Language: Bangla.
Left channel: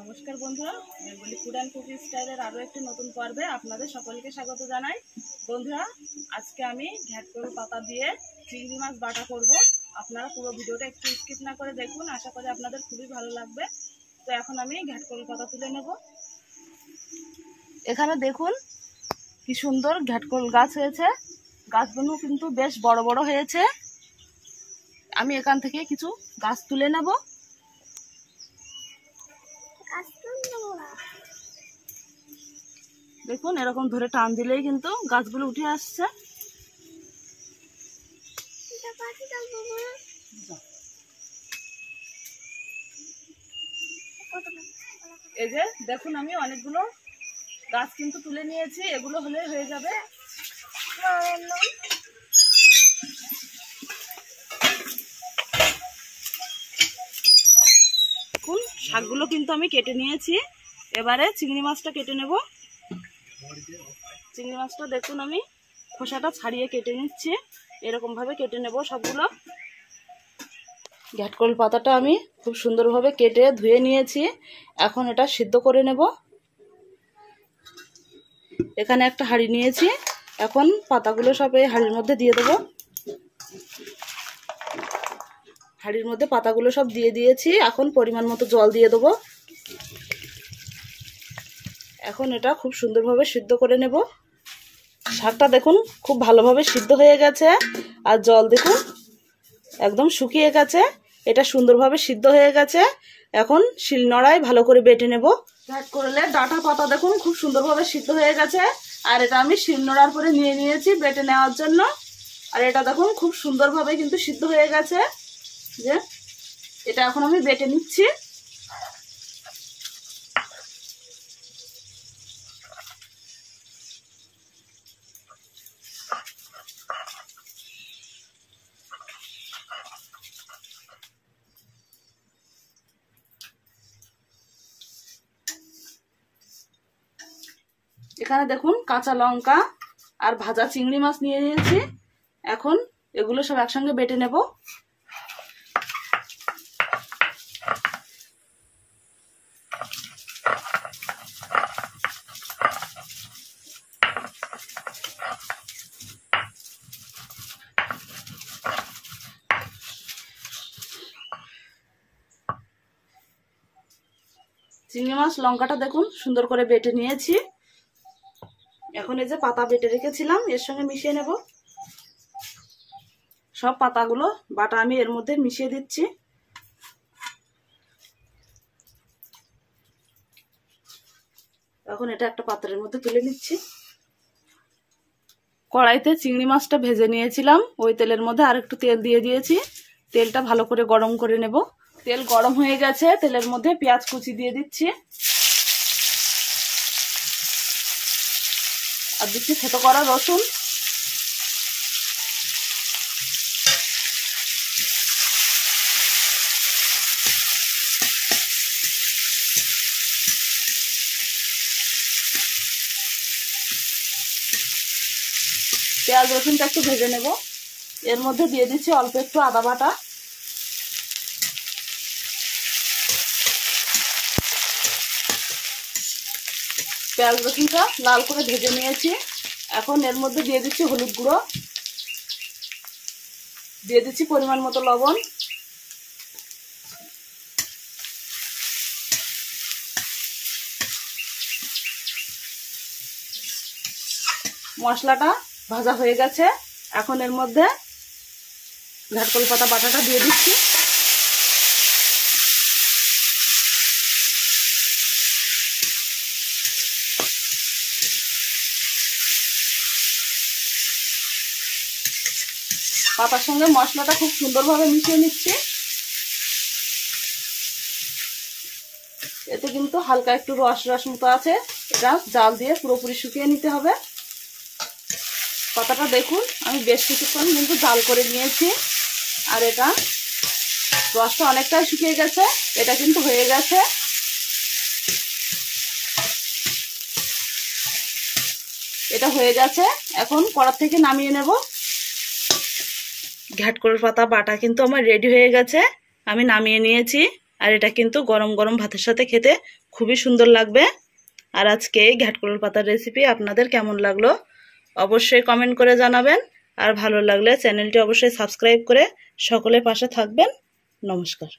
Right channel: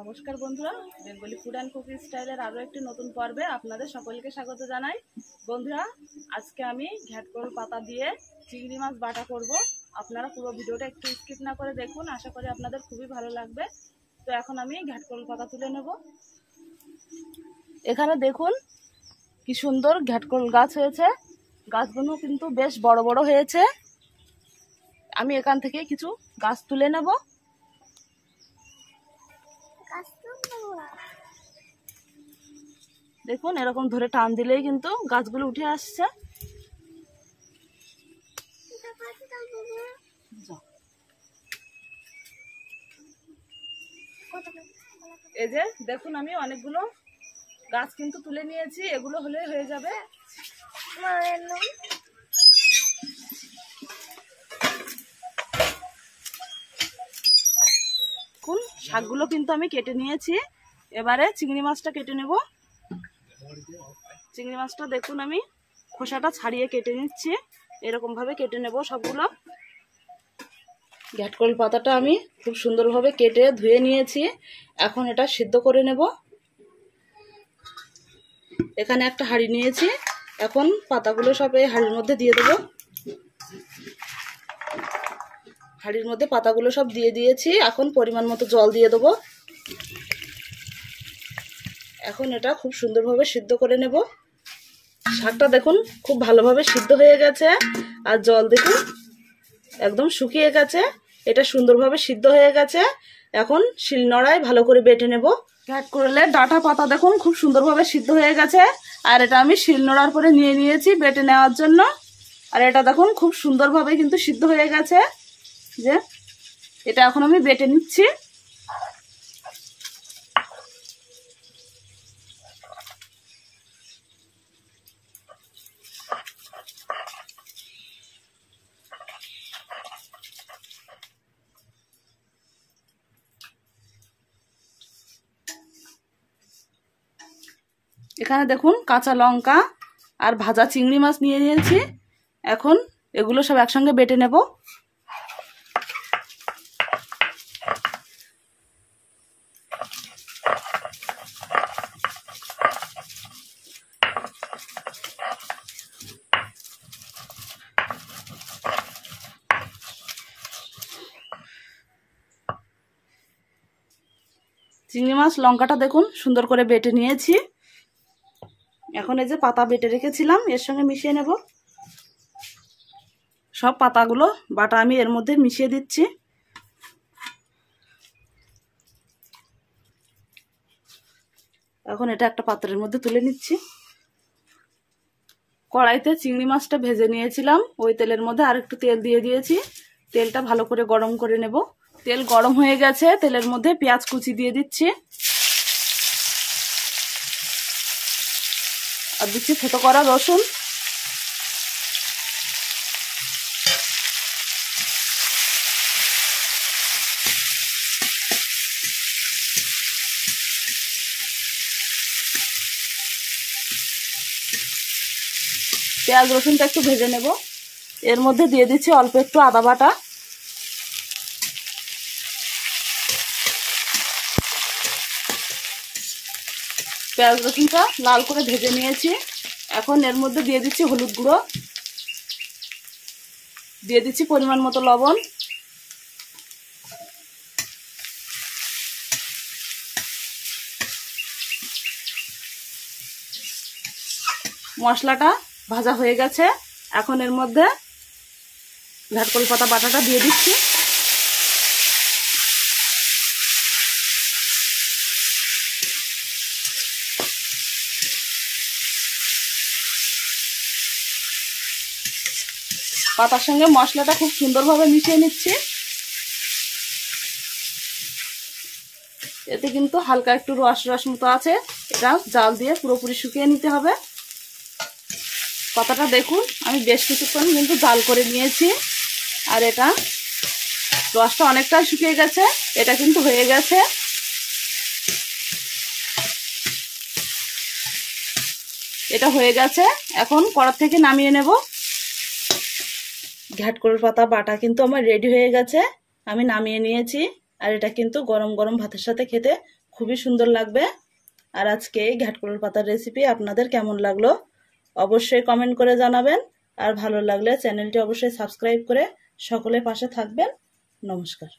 নমস্কার বন্ধুরা, বেঙ্গলি ফুড অ্যান্ড কুকিং স্টাইলের আরও একটি নতুন পর্বে আপনাদের সকলকে স্বাগত জানাই। বন্ধুরা, আজকে আমি ঘ্যাটকোল পাতা দিয়ে চিংড়ি মাছ বাটা করব। আপনারা পুরো ভিডিওটা একটু স্কিপ না করে দেখুন, আশা করি আপনাদের খুবই ভালো লাগবে। তো এখন আমি ঘ্যাটকোল পাতা তুলে নেব। এখানে দেখুন কি সুন্দর ঘ্যাটকোল গাছ হয়েছে, গাছগুলো কিন্তু বেশ বড় বড় হয়েছে। আমি এখান থেকে কিছু গাছ তুলে নেব। দেখুন এরকম ধরে টান দিলেই কিন্তু গাছগুলো উঠে আসছে। এই যে দেখুন আমি অনেকগুলো গাছ কিন্তু তুলে নিয়েছি, এগুলো হলে হয়ে যাবে। দেখুন শাকগুলো কিন্তু আমি কেটে নিয়েছি, এবারে চিংড়ি মাছটা কেটে নেব। চিংড়ি মাছটা দেখুন আমি খোসাটা ছাড়িয়ে কেটে নিচ্ছি, এরকম ভাবে কেটে নেব সবগুলো। ঘ্যাটকোল পাতাটা আমি খুব সুন্দরভাবে কেটে ধুয়ে নিয়েছি, এখন এটা সিদ্ধ করে নেব। এখানে একটা হাঁড়ি নিয়েছি, এখন পাতাগুলো সব এই হাঁড়ির মধ্যে দিয়ে দেবো। হাঁড়ির মধ্যে পাতাগুলো সব দিয়ে দিয়েছি, এখন পরিমাণ মতো জল দিয়ে দেবো। এখন এটা খুব সুন্দরভাবে সিদ্ধ করে নেব। শাকটা দেখুন খুব ভালোভাবে সিদ্ধ হয়ে গেছে, আর জল দেখুন একদম শুকিয়ে গেছে। এটা সুন্দরভাবে সিদ্ধ হয়ে গেছে, এখন শিলনোড়ায় ভালো করে বেটে নেব। ঘ্যাটকোলের ডাঁটা পাতা দেখুন খুব সুন্দরভাবে সিদ্ধ হয়ে গেছে, আর এটা আমি শিলনোড়ার করে নিয়ে নিয়েছি বেটে নেওয়ার জন্য। আর এটা দেখুন খুব সুন্দরভাবে কিন্তু সিদ্ধ হয়ে গেছে, যে এটা এখন আমি বেটে নিচ্ছি। এখানে দেখুন কাঁচা লঙ্কা আর ভাজা চিংড়ি মাছ নিয়ে নিয়েছি, এখন এগুলো সব একসঙ্গে বেটে নেব। চিংড়ি মাছ লঙ্কাটা দেখুন সুন্দর করে বেটে নিয়েছি, এখন এই যে পাতা বেটে রেখেছিলাম এর সঙ্গে মিশিয়ে নেব। সব পাতাগুলো বাটা আমি এর মধ্যে মিশিয়ে দিচ্ছি। এখন এটা একটা পাত্রের মধ্যে তুলে নিচ্ছি। কড়াইতে চিংড়ি মাছটা ভেজে নিয়েছিলাম, ওই তেলের মধ্যে আর একটু তেল দিয়ে দিয়েছি। তেলটা ভালো করে গরম করে নেব। তেল গরম হয়ে গেছে, তেলের মধ্যে পেঁয়াজ কুচি দিয়ে দিচ্ছি, আর দিচ্ছি ছোট করা রসুন। পেঁয়াজ রসুনটা একটু ভেজে নেব। এর মধ্যে দিয়ে দিচ্ছি অল্প একটু আদা বাটা। পেঁয়াজ রসুনটা লাল করে ভেজে নিয়েছি, এখন এর মধ্যে দিয়ে দিচ্ছি হলুদ গুঁড়ো, দিয়ে দিচ্ছি পরিমাণ মতো লবণ, মশলাটা ভাজা হয়ে গেছে, এখন এর মধ্যে ঘ্যাটকোল পাতা বাটাটা দিয়ে দিচ্ছি। পাতার সঙ্গে মশলাটা খুব সুন্দরভাবে মিশিয়ে নিচ্ছি। এতে কিন্তু হালকা একটু রস রস মতো আছে, এটা জাল দিয়ে পুরোপুরি শুকিয়ে নিতে হবে। পাতাটা দেখুন আমি বেশ কিছুক্ষণ কিন্তু জাল করে নিয়েছি, আর এটা রসটা অনেকটা শুকিয়ে গেছে, এটা কিন্তু হয়ে গেছে। এটা হয়ে গেছে, এখন কড়া থেকে নামিয়ে নেব। ঘ্যাটকোল পাতা বাটা কিন্তু আমার রেডি হয়ে গেছে, আমি নামিয়ে নিয়েছি। আর এটা কিন্তু গরম গরম ভাতের সাথে খেতে খুবই সুন্দর লাগবে। আর আজকে এই ঘ্যাটকোলের পাতার রেসিপি আপনাদের কেমন লাগলো অবশ্যই কমেন্ট করে জানাবেন। আর ভালো লাগলে চ্যানেলটি অবশ্যই সাবস্ক্রাইব করে সকলে পাশে থাকবেন। নমস্কার।